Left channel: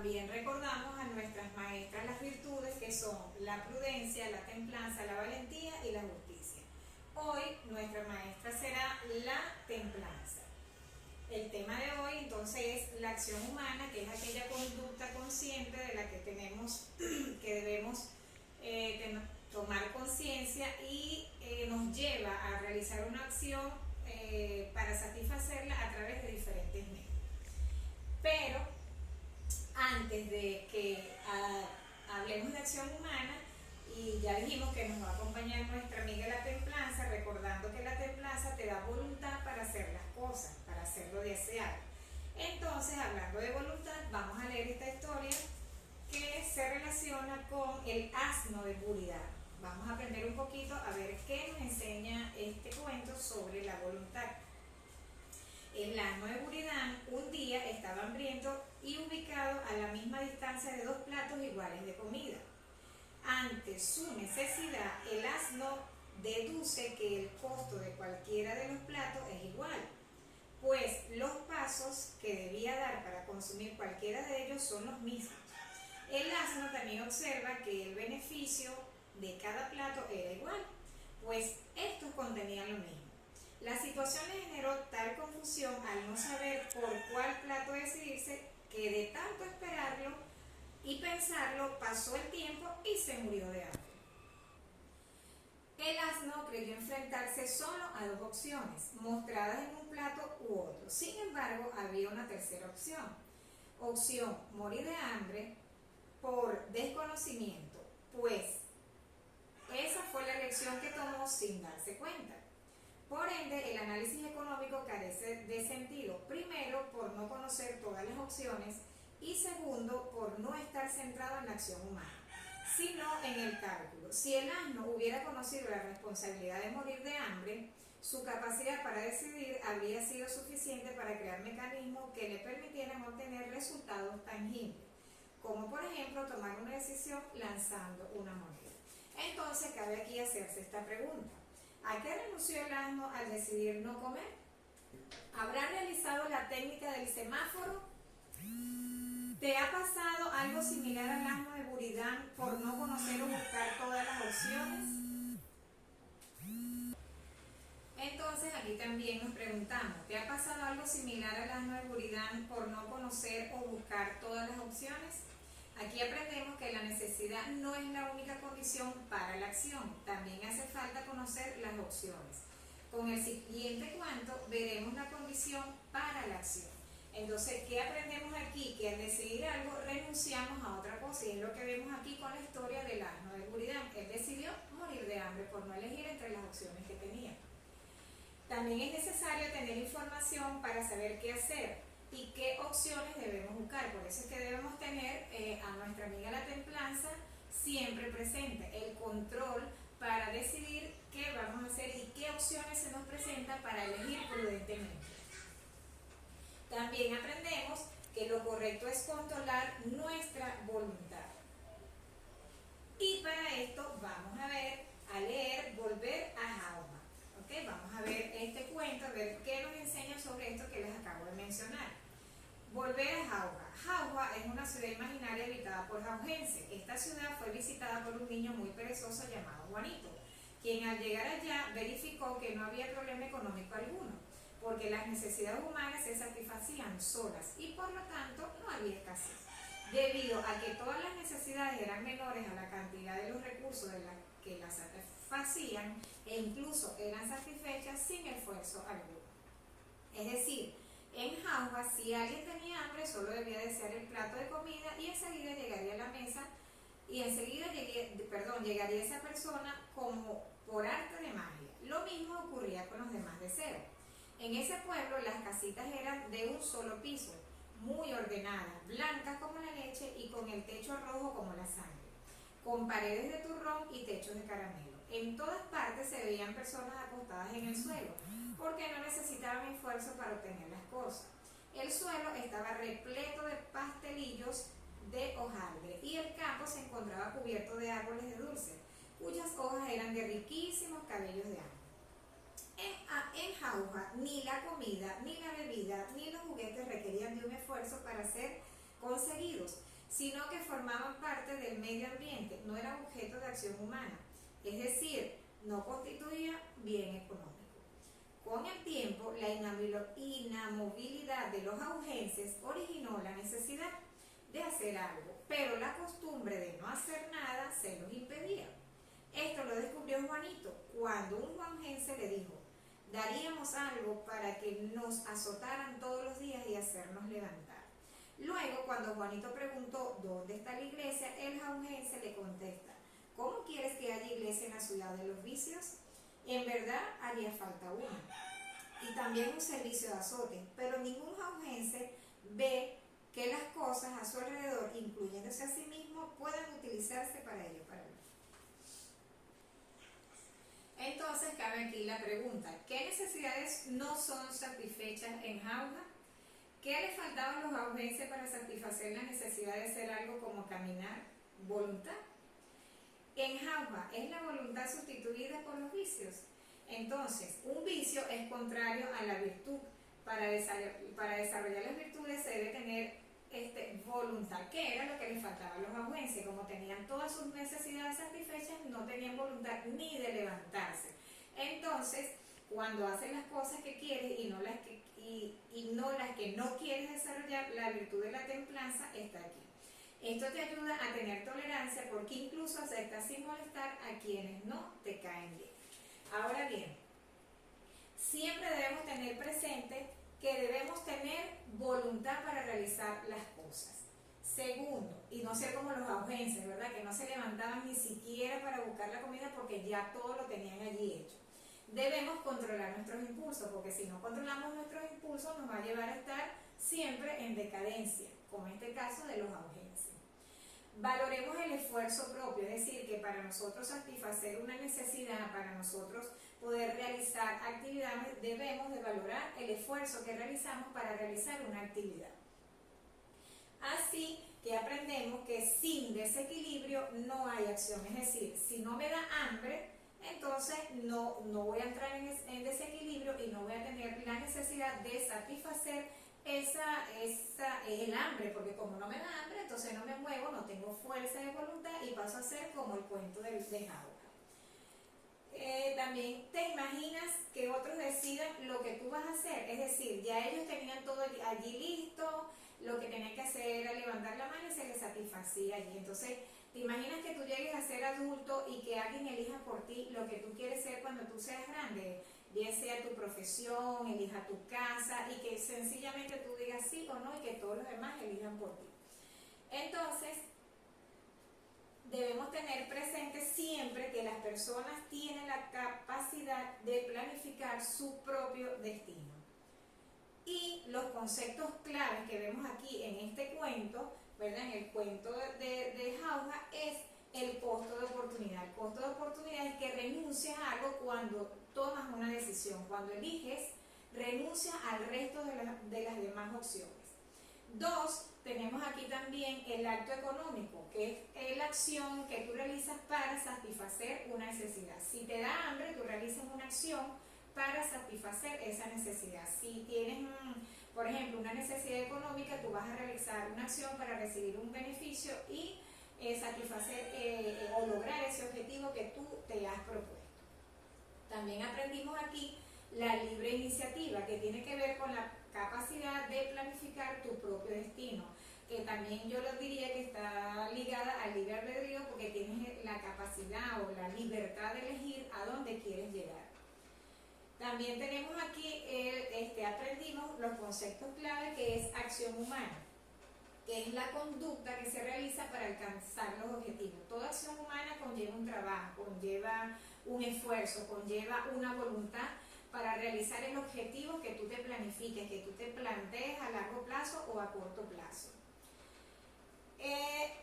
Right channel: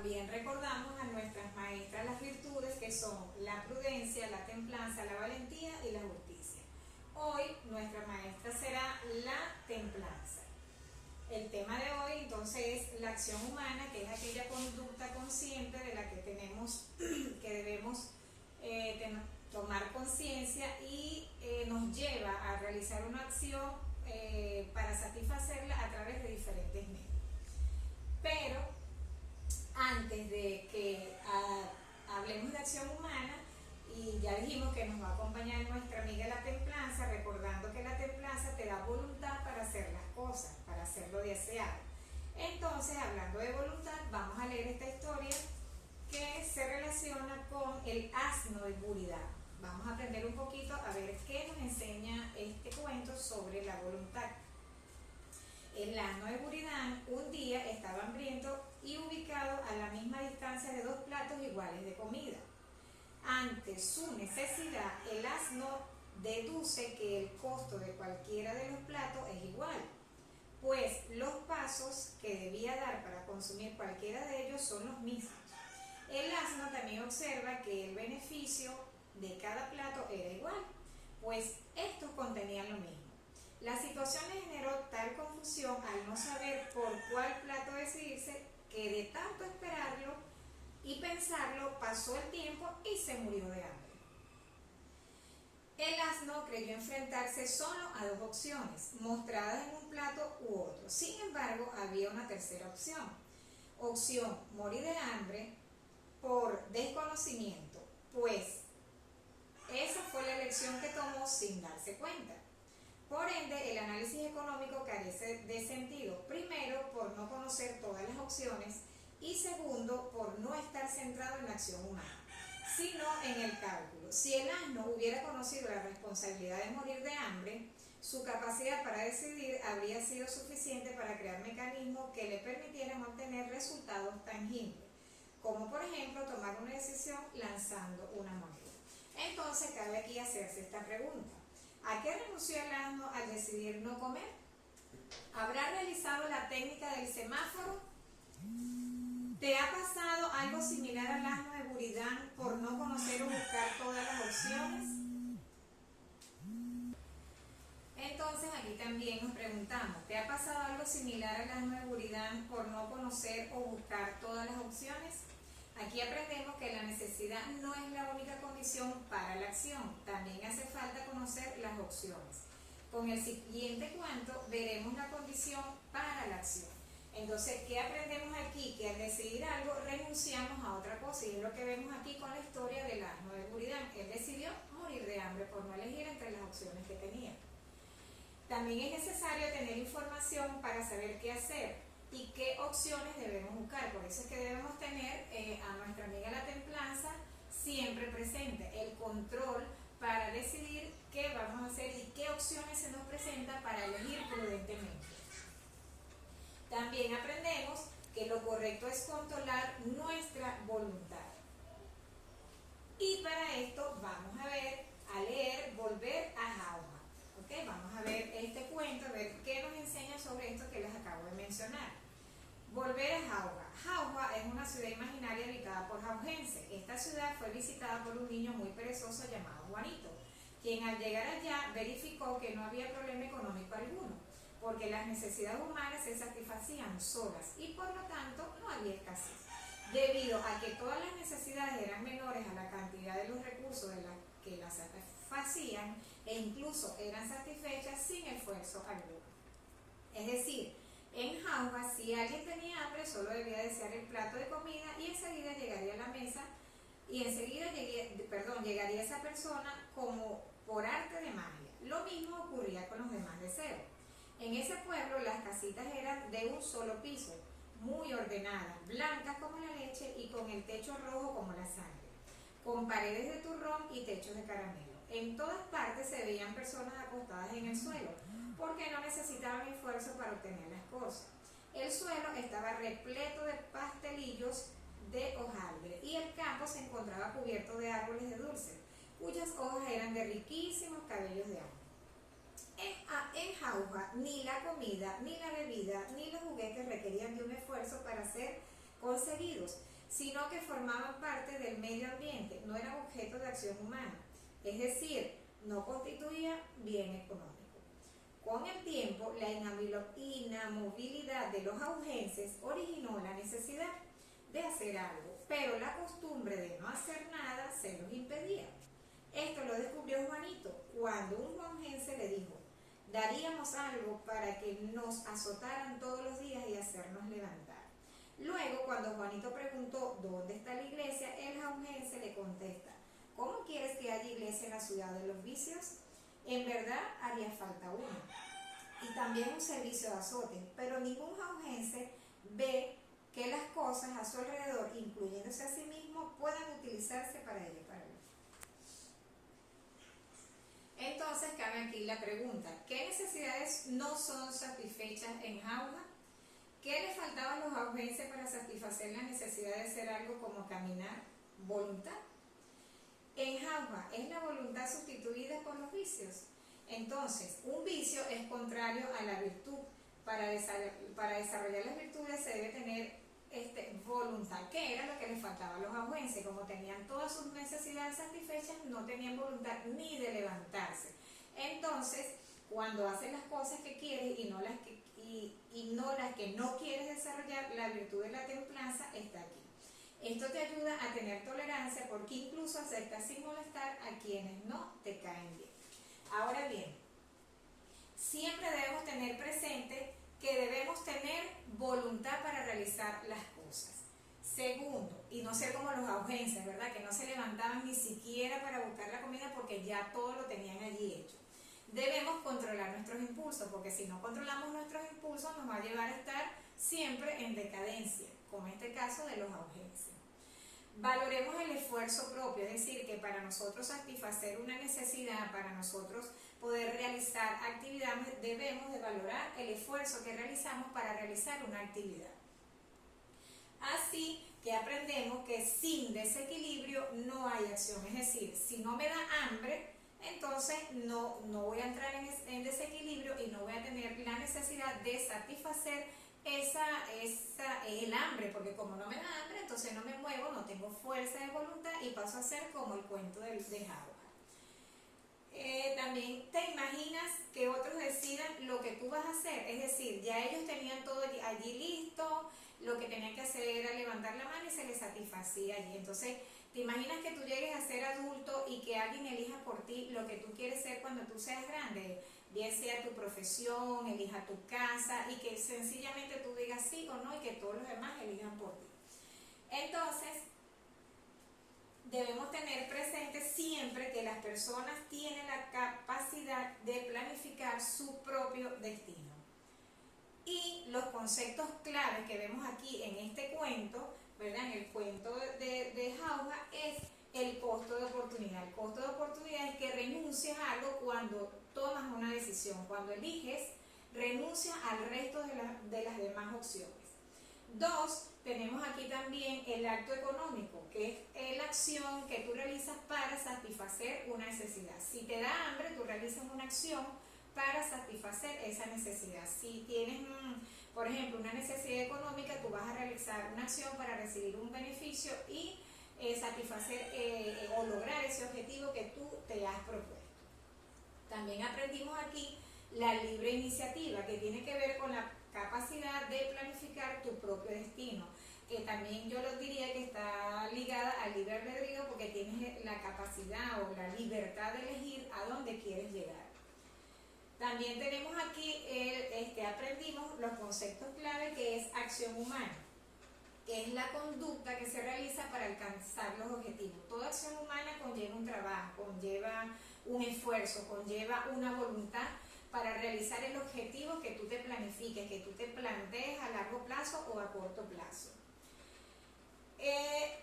también recordamos a nuestras maestras las virtudes que son la prudencia, la templanza, la valentía y la justicia. Hoy nuestra maestra será la templanza. El tema de hoy entonces es la acción humana, que es aquella conducta consciente de la que debemos tomar conciencia y nos lleva a realizar una acción para satisfacerla a través de diferentes medios. Pero antes de que hablemos de acción humana, y ya dijimos que nos va a acompañar nuestra amiga la templanza, recordando que la templanza te da voluntad para hacer las cosas, para hacer lo deseado. Entonces, hablando de voluntad, vamos a leer esta historia que se relaciona con el asno de Buridán. Vamos a aprender un poquito a ver qué nos enseña este cuento sobre la voluntad. El asno de Buridán un día estaba hambriento y ubicado a la misma distancia de 2 platos iguales de comida. Ante su necesidad, el asno deduce que el costo de cualquiera de los platos es igual, pues los pasos que debía dar para consumir cualquiera de ellos son los mismos. El asno también observa que el beneficio de cada plato era igual, pues estos contenían lo mismo. La situación le generó tal confusión al no saber por cuál plato decidirse que de tanto esperarlo y pensarlo pasó el tiempo y se murió de hambre. El asno creyó enfrentarse solo a 2 opciones, mostradas en un plato u otro. Sin embargo, había una tercera opción. Opción: morir de hambre por desconocimiento, pues esa fue la elección que tomó sin darse cuenta. Por ende, el análisis económico carece de sentido, primero por no conocer todas las opciones y segundo por no estar centrado en la acción humana, sino en el cálculo. Si el asno hubiera conocido la responsabilidad de morir de hambre, su capacidad para decidir habría sido suficiente para crear mecanismos que le permitieran obtener resultados tangibles, como por ejemplo tomar una decisión lanzando una moneda. Entonces cabe aquí hacerse esta pregunta: ¿a qué renunció el asno al decidir no comer? ¿Habrá realizado la técnica del semáforo? ¿Te ha pasado algo similar al asno de Buridán por no conocer o buscar todas las opciones? Entonces aquí también nos preguntamos: ¿te ha pasado algo similar al asno de Buridán por no conocer o buscar todas las opciones? Aquí aprendemos que la necesidad no es la única condición para la acción, también hace falta conocer las opciones. Con el siguiente cuento veremos la condición para la acción. Entonces, ¿qué aprendemos aquí? Que al decidir algo renunciamos a otra cosa, y es lo que vemos aquí con la historia del asno de Buridán. Él decidió morir de hambre por no elegir entre las opciones que tenía. También es necesario tener información para saber qué hacer y qué opciones debemos buscar. Por eso es que debemos tener a nuestra amiga la templanza siempre presente, el control para decidir qué vamos a hacer y qué opciones se nos presentan para elegir prudentemente. También aprendemos que lo correcto es controlar nuestra voluntad. Y para esto vamos a leer Volver a Jauja. ¿Okay? Vamos a ver este cuento, a ver qué nos enseña sobre esto que les acabo de mencionar. Volver a Jauja. Jauja es una ciudad imaginaria habitada por jaujenses. Esta ciudad fue visitada por un niño muy perezoso llamado Juanito, quien al llegar allá verificó que no había problema económico alguno, porque las necesidades humanas se satisfacían solas y por lo tanto no había escasez. Debido a que todas las necesidades eran menores a la cantidad de los recursos de las que las satisfacían e incluso eran satisfechas sin esfuerzo alguno. Es decir, en Jauja, si alguien tenía hambre, solo debía desear el plato de comida y enseguida llegaría a la mesa y enseguida llegaría esa persona como por arte de magia. Lo mismo ocurría con los demás deseos. En ese pueblo las casitas eran de un solo piso, muy ordenadas, blancas como la leche y con el techo rojo como la sangre, con paredes de turrón y techos de caramelo. En todas partes se veían personas acostadas en el suelo, porque no necesitaban esfuerzo para obtener las cosas. El suelo estaba repleto de pastelillos de hojaldre y el campo se encontraba cubierto de árboles de dulce, cuyas hojas eran de riquísimos cabellos de árbol. En Jauja, ni la comida, ni la bebida, ni los juguetes requerían de un esfuerzo para ser conseguidos. sino que formaban parte del medio ambiente, no eran objeto de acción humana, es decir, no constituía bien económico. Con el tiempo, la inamovilidad de los augenses originó la necesidad de hacer algo, pero la costumbre de no hacer nada se los impedía. Esto lo descubrió Juanito cuando un juanjense le dijo: daríamos algo para que nos azotaran todos los días y hacernos levantar. Luego, cuando Juanito preguntó ¿dónde está la iglesia?, el juanjense le contesta: ¿cómo quieres que haya iglesia en la ciudad de los vicios? En verdad haría falta una, y también un servicio de azote, pero ningún juanjense ve que las cosas a su alrededor, incluyéndose a sí mismo, puedan utilizarse para ello. Entonces cabe aquí la pregunta: ¿qué necesidades no son satisfechas en Jauja? ¿Qué le faltaba a los jaujenses para satisfacer la necesidad de hacer algo como caminar? Voluntad. En Jauja, ¿es la voluntad sustituida por los vicios? Entonces, un vicio es contrario a la virtud. Para desarrollar las virtudes se debe tener voluntad, que era lo que les faltaba a los jaujenses. Como tenían todas sus necesidades satisfechas, no tenían voluntad ni de levantarse. Entonces, cuando haces las cosas que quieres y no las que no quieres desarrollar, la virtud de la templanza está aquí. Esto te ayuda a tener tolerancia, porque incluso aceptas sin molestar a quienes no te caen bien. Ahora bien, siempre debemos tener presente que debemos tener voluntad para realizar las cosas. Segundo, y no ser como los jaujenses, ¿verdad?, que no se levantaban ni siquiera para buscar la comida porque ya todo lo tenían allí hecho. Debemos controlar nuestros impulsos, porque si no controlamos nuestros impulsos nos va a llevar a estar siempre en decadencia, como en este caso de los jaujenses. Valoremos el esfuerzo propio, es decir, que para nosotros satisfacer una necesidad, para nosotros poder realizar actividades, debemos de valorar el esfuerzo que realizamos para realizar una actividad. Así que aprendemos que sin desequilibrio no hay acción, es decir, si no me da hambre, entonces no voy a entrar en desequilibrio y no voy a tener la necesidad de satisfacer el hambre, porque como no me da hambre, entonces no me muevo, no tengo fuerza de voluntad y paso a ser como el cuento de Jauja. También te imaginas que otros decidan lo que tú vas a hacer, es decir, ya ellos tenían todo allí listo, lo que tenían que hacer era levantar la mano y se les satisfacía allí. Entonces, te imaginas que tú llegues a ser adulto y que alguien elija por ti lo que tú quieres ser cuando tú seas grande, bien sea tu profesión, elija tu casa, y que sencillamente tú digas sí o no y que todos los demás elijan por ti. Entonces, debemos tener presente siempre que las personas tienen la capacidad de planificar su propio destino. Y los conceptos claves que vemos aquí en este cuento, ¿verdad?, en el cuento de Jauja, es el costo de oportunidad. El costo de oportunidad es que renuncias a algo cuando tomas una decisión, cuando eliges, renuncias al resto de las demás opciones. 2, tenemos aquí también el acto económico, que es la acción que tú realizas para satisfacer una necesidad. Si te da hambre, tú realizas una acción para satisfacer esa necesidad. Si tienes, por ejemplo, una necesidad económica, tú vas a realizar una acción para recibir un beneficio y satisfacer o lograr ese objetivo que tú te has propuesto. También aprendimos aquí la libre iniciativa, que tiene que ver con la capacidad de planificar tu propio destino, que también yo lo diría que está ligada al libre albedrío, porque tienes la capacidad o la libertad de elegir a dónde quieres llegar. También tenemos aquí, aprendimos los conceptos clave, que es acción humana, que es la conducta que se realiza para alcanzar los objetivos. Toda acción humana conlleva un trabajo, conlleva un esfuerzo, conlleva una voluntad para realizar el objetivo que tú te planifiques, que tú te plantees a largo plazo o a corto plazo.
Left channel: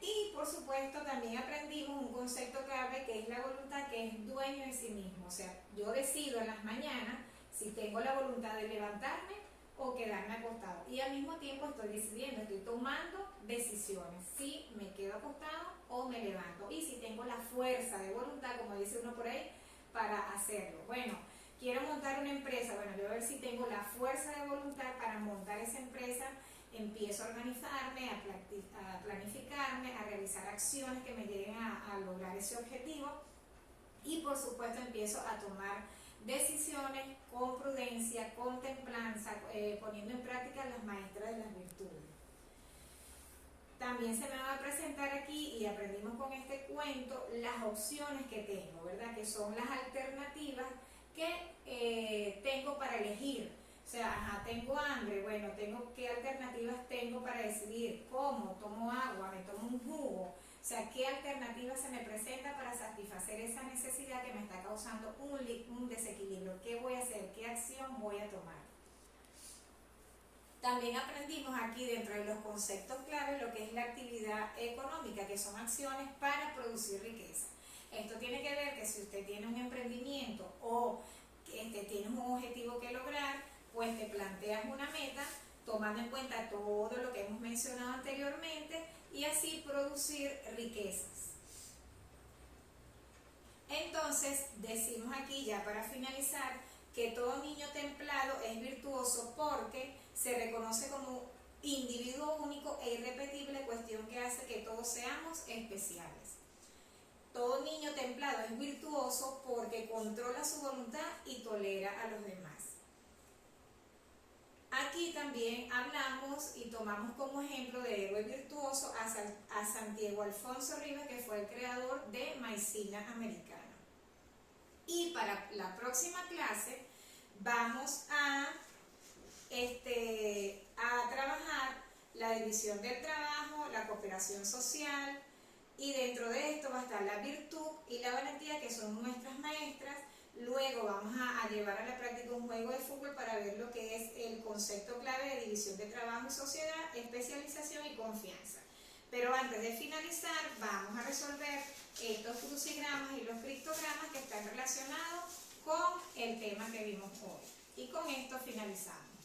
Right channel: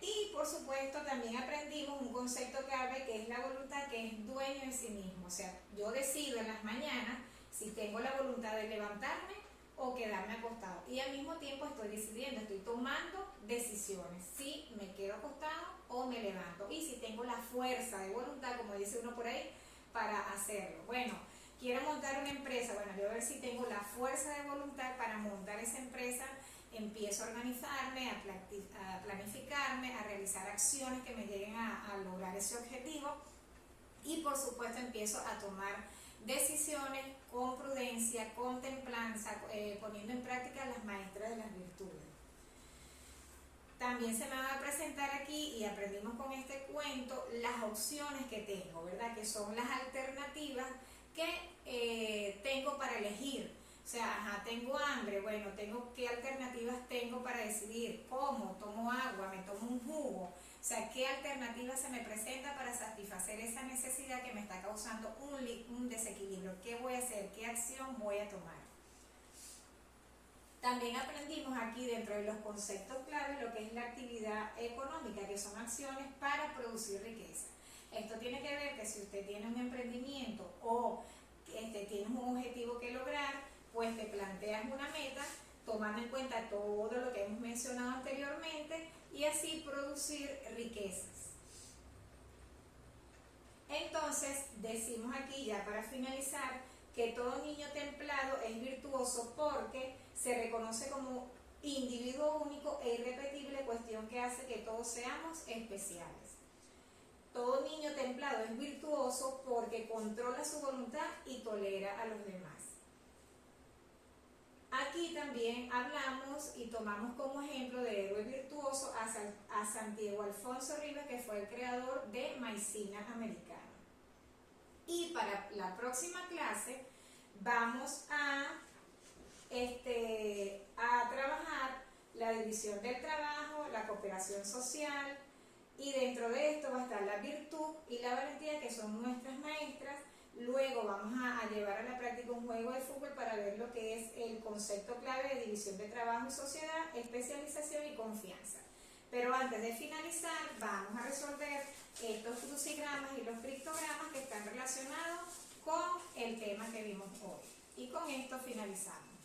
Y por supuesto también aprendimos un concepto clave, que es la voluntad, que es dueño en sí mismo. O sea, yo decido en las mañanas si tengo la voluntad de levantarme o quedarme acostado, y al mismo tiempo estoy decidiendo, estoy tomando decisiones, si me quedo acostado o me levanto, y si tengo la fuerza de voluntad, como dice uno por ahí, para hacerlo. Bueno, quiero montar una empresa, bueno, yo a ver si tengo la fuerza de voluntad para montar esa empresa. Empiezo a organizarme, a planificarme, realizar acciones que me lleguen a lograr ese objetivo y por supuesto empiezo a tomar decisiones con prudencia, con templanza, poniendo en práctica las maestras de las virtudes. También se me va a presentar aquí, y aprendimos con este cuento, las opciones que tengo, ¿verdad? Que son las alternativas que tengo para elegir. O sea, tengo hambre, bueno, ¿qué alternativas tengo para decidir? ¿Cómo? ¿Tomo agua? ¿Me tomo un jugo? O sea, ¿qué alternativa se me presenta para satisfacer esa necesidad que me está causando un desequilibrio? ¿Qué voy a hacer? ¿Qué acción voy a tomar? También aprendimos aquí dentro de los conceptos clave lo que es la actividad económica, que son acciones para producir riqueza. Esto tiene que ver que si usted tiene un emprendimiento o tienes un objetivo que lograr, pues te planteas una meta tomando en cuenta todo lo que hemos mencionado anteriormente y así producir riquezas. Entonces decimos aquí ya para finalizar que todo niño templado es virtuoso porque se reconoce como individuo único e irrepetible, cuestión que hace que todos seamos especiales. Todo niño templado es virtuoso porque controla su voluntad y tolera a los demás. Aquí también hablamos y tomamos como ejemplo de héroe virtuoso a Santiago Alfonso Rivas, que fue el creador de Maicena Americana. Y para la próxima clase vamos a trabajar la división del trabajo, la cooperación social, y dentro de esto va a estar la virtud y la valentía, que son nuestras maestras. Luego vamos a llevar a la práctica un juego de fútbol para ver lo que es el concepto clave de división de trabajo y sociedad, especialización y confianza. Pero antes de finalizar, vamos a resolver estos crucigramas y los criptogramas que están relacionados con el tema que vimos hoy. Y con esto finalizamos.